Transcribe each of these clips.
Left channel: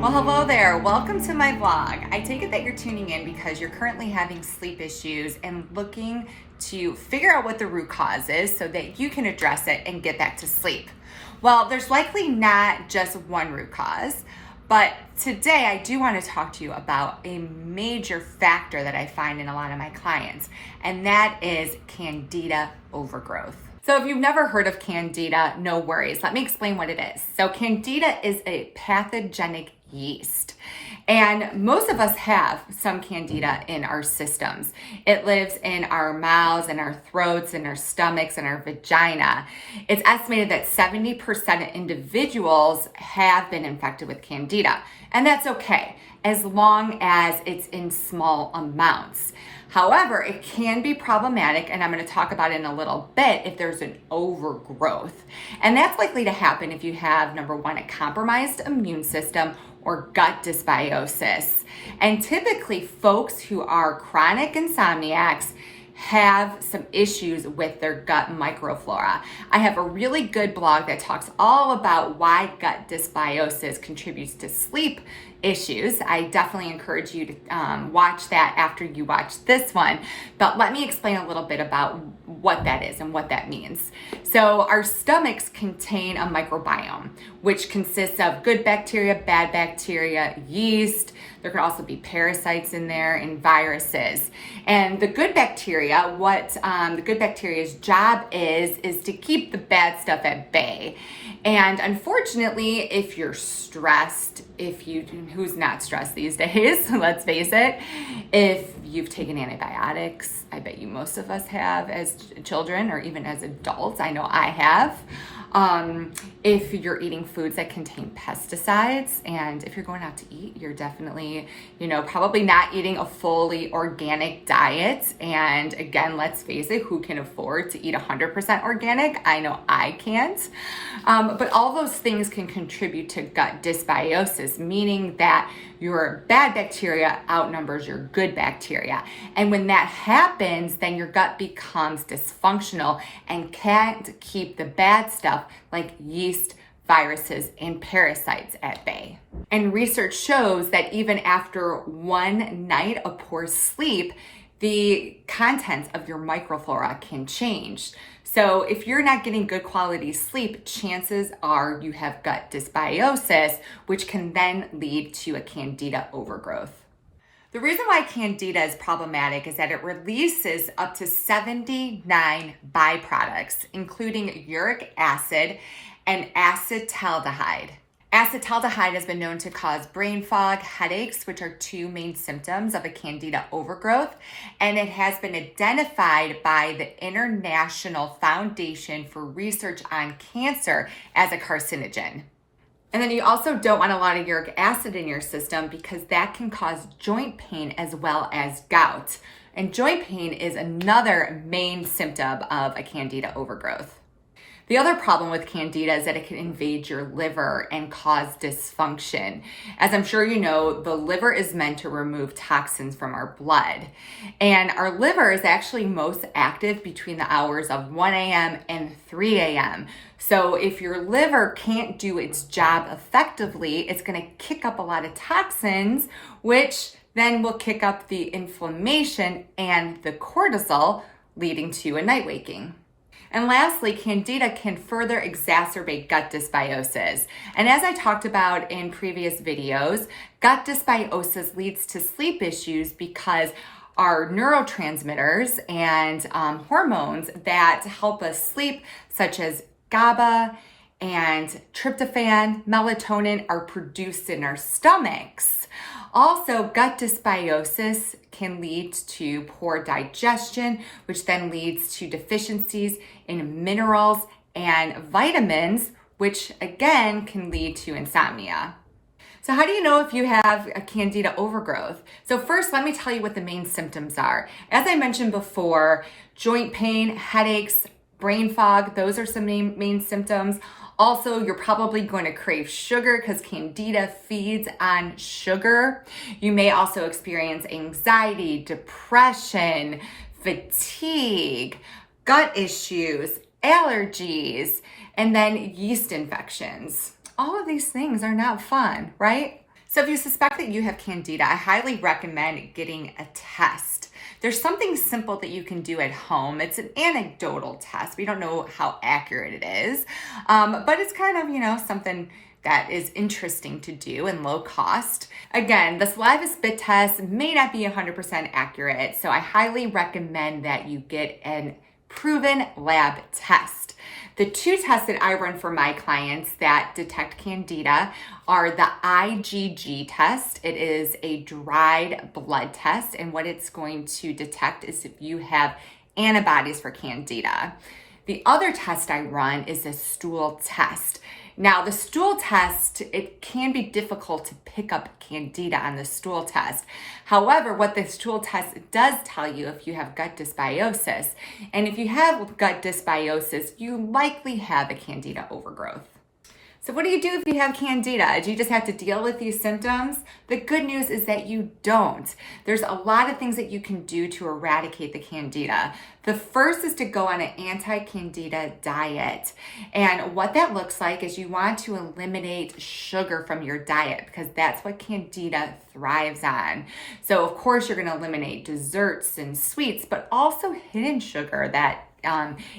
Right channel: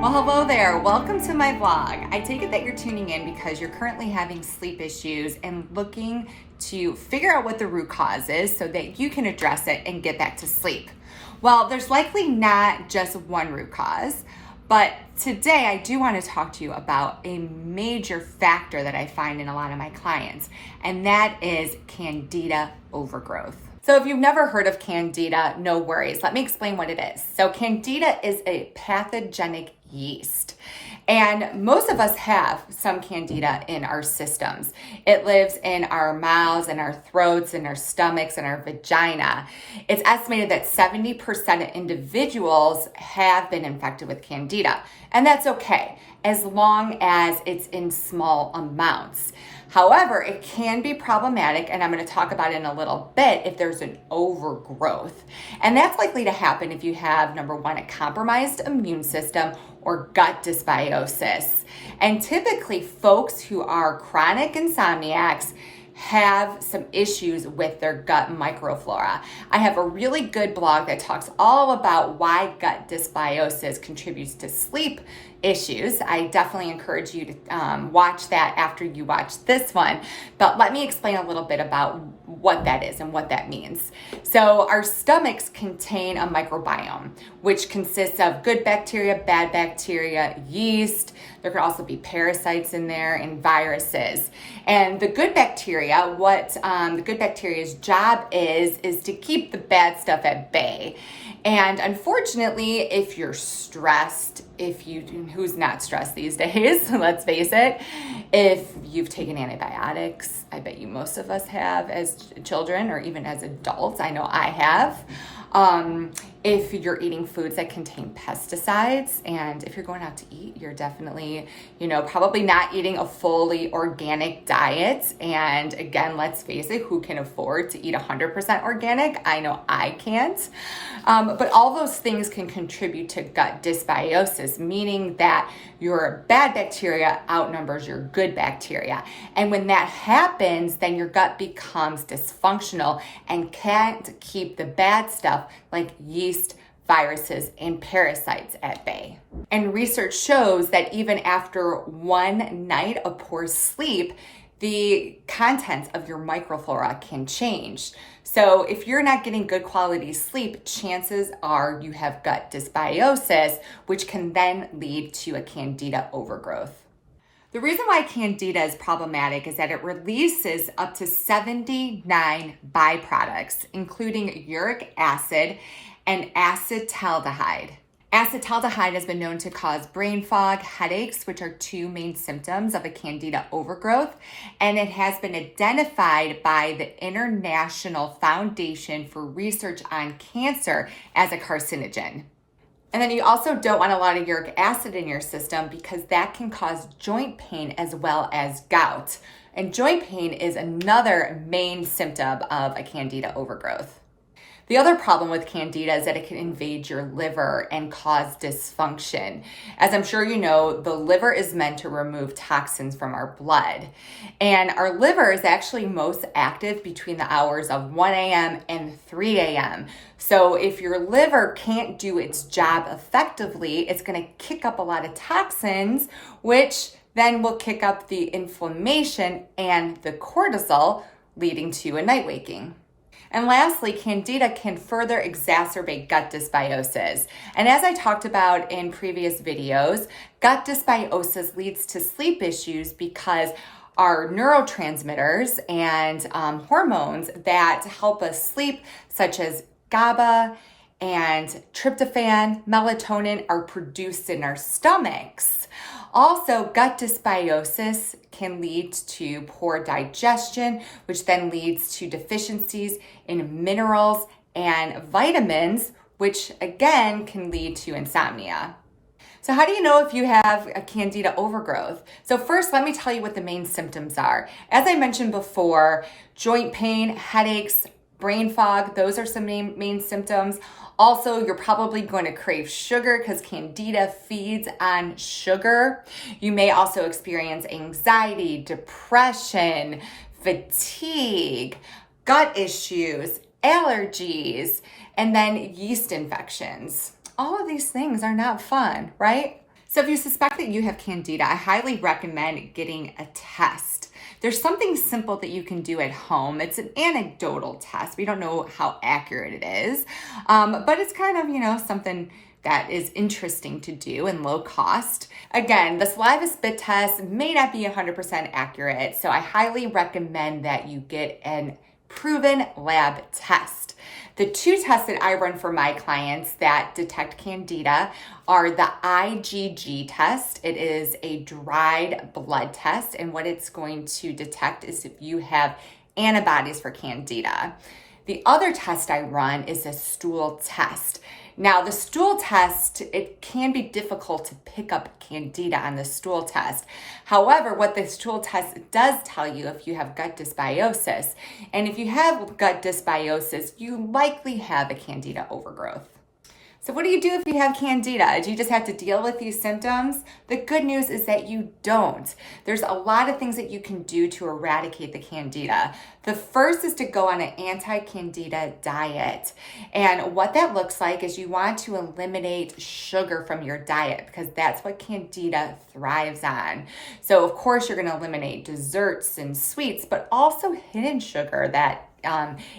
Well, hello there. Welcome to my vlog. I take it that you're tuning in because you're currently having sleep issues and looking to figure out what the root cause is so that you can address it and get back to sleep. Well, there's likely not just one root cause, but today I do want to talk to you about a major factor that I find in a lot of my clients, and that is Candida overgrowth. So if you've never heard of Candida, no worries. Let me explain what it is. So Candida is a pathogenic yeast, and most of us have some Candida in our systems. It lives in our mouths and our throats and our stomachs and our vagina. It's estimated that 70% of individuals have been infected with Candida, and that's okay as long as it's in small amounts. However, it can be problematic, and I'm going to talk about it in a little bit, if there's an overgrowth. And that's likely to happen if you have, number one, a compromised immune system or gut dysbiosis. And typically, folks who are chronic insomniacs have some issues with their gut microflora. I have a really good blog that talks all about why gut dysbiosis contributes to sleep issues. I definitely encourage you to watch that after you watch this one. But let me explain a little bit about what that is and what that means. So our stomachs contain a microbiome, which consists of good bacteria, bad bacteria, yeast. There could also be parasites in there and viruses. And the good bacteria, what the good bacteria's job is to keep the bad stuff at bay. And unfortunately, if you're stressed, who's not stressed these days, let's face it, if you've taken antibiotics, I bet you most of us have as children or even as adults, I know I have. If you're eating foods that contain pesticides, and if you're going out to eat, you're definitely, probably not eating a fully organic diet. And again, let's face it, who can afford to eat 100% organic? I know I can't. But all those things can contribute to gut dysbiosis, meaning that your bad bacteria outnumbers your good bacteria. And when that happens, then your gut becomes dysfunctional and can't keep the bad stuff like yeast, viruses, and parasites at bay. And research shows that even after one night of poor sleep, the contents of your microflora can change. So if you're not getting good quality sleep, chances are you have gut dysbiosis, which can then lead to a Candida overgrowth. The reason why Candida is problematic is that it releases up to 79 byproducts, including uric acid and acetaldehyde. Acetaldehyde has been known to cause brain fog, headaches, which are two main symptoms of a Candida overgrowth, and it has been identified by the International Foundation for Research on Cancer as a carcinogen. And then you also don't want a lot of uric acid in your system because that can cause joint pain as well as gout. And joint pain is another main symptom of a Candida overgrowth. The other problem with Candida is that it can invade your liver and cause dysfunction. As I'm sure you know, the liver is meant to remove toxins from our blood. And our liver is actually most active between the hours of 1 a.m. and 3 a.m. So if your liver can't do its job effectively, it's going to kick up a lot of toxins, which then will kick up the inflammation and the cortisol, leading to a night waking. And lastly, Candida can further exacerbate gut dysbiosis. And as I talked about in previous videos, gut dysbiosis leads to sleep issues because our neurotransmitters and hormones that help us sleep, such as GABA and tryptophan, melatonin, are produced in our stomachs. Also, gut dysbiosis can lead to poor digestion, which then leads to deficiencies in minerals and vitamins, which again can lead to insomnia. So how do you know if you have a Candida overgrowth? So first, let me tell you what the main symptoms are. As I mentioned before, joint pain, headaches, brain fog, those are some main symptoms. Also, you're probably going to crave sugar because Candida feeds on sugar. You may also experience anxiety, depression, fatigue, gut issues, allergies, and then yeast infections. All of these things are not fun, right? So if you suspect that you have Candida, I highly recommend getting a test. There's something simple that you can do at home. It's an anecdotal test. We don't know how accurate it is, but it's kind of, something that is interesting to do and low cost. Again, the saliva spit test may not be 100% accurate, so I highly recommend that you get an proven lab test. The two tests that I run for my clients that detect Candida are the IgG test. It is a dried blood test, and what it's going to detect is if you have antibodies for Candida. The other test I run is a stool test. Now, the stool test, it can be difficult to pick up Candida on the stool test. However, what the stool test does tell you if you have gut dysbiosis, and if you have gut dysbiosis, you likely have a Candida overgrowth. So what do you do if you have Candida? Do you just have to deal with these symptoms? The good news is that you don't. There's a lot of things that you can do to eradicate the Candida. The first is to go on an anti-Candida diet. And what that looks like is you want to eliminate sugar from your diet because that's what Candida thrives on. So of course you're going to eliminate desserts and sweets, but also hidden sugar that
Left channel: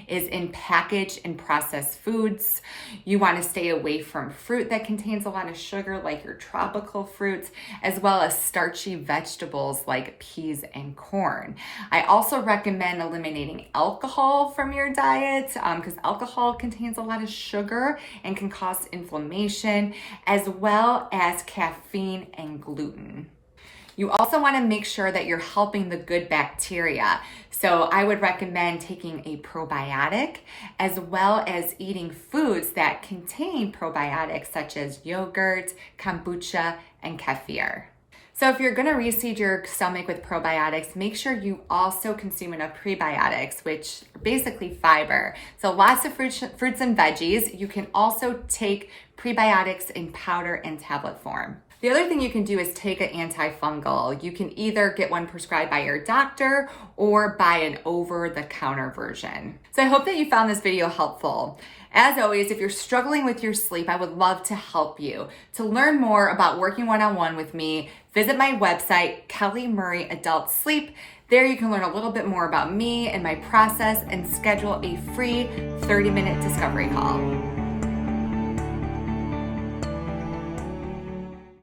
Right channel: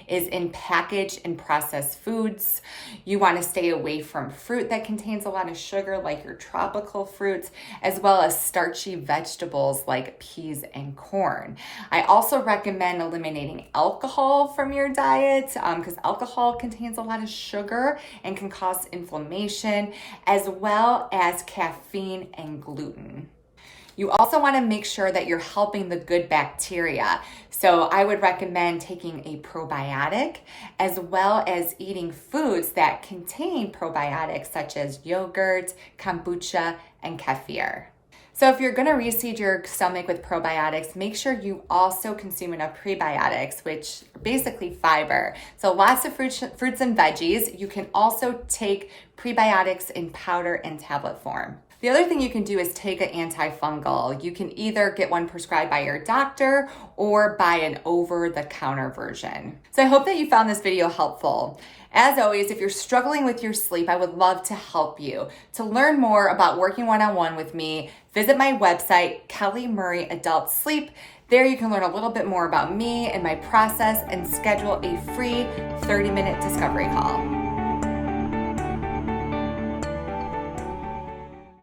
is in packaged and processed foods. You want to stay away from fruit that contains a lot of sugar, like your tropical fruits, as well as starchy vegetables like peas and corn. I also recommend eliminating alcohol from your diet because alcohol contains a lot of sugar and can cause inflammation, as well as caffeine and gluten. You also want to make sure that you're helping the good bacteria. So I would recommend taking a probiotic as well as eating foods that contain probiotics such as yogurt, kombucha, and kefir. So if you're going to reseed your stomach with probiotics, make sure you also consume enough prebiotics, which are basically fiber. So lots of fruits and veggies. You can also take prebiotics in powder and tablet form. The other thing you can do is take an antifungal. You can either get one prescribed by your doctor or buy an over-the-counter version. So I hope that you found this video helpful. As always, if you're struggling with your sleep, I would love to help you. To learn more about working one-on-one with me, visit my website, Kelly Murray Adult Sleep. There you can learn a little bit more about me and my process and schedule a free 30-minute discovery call.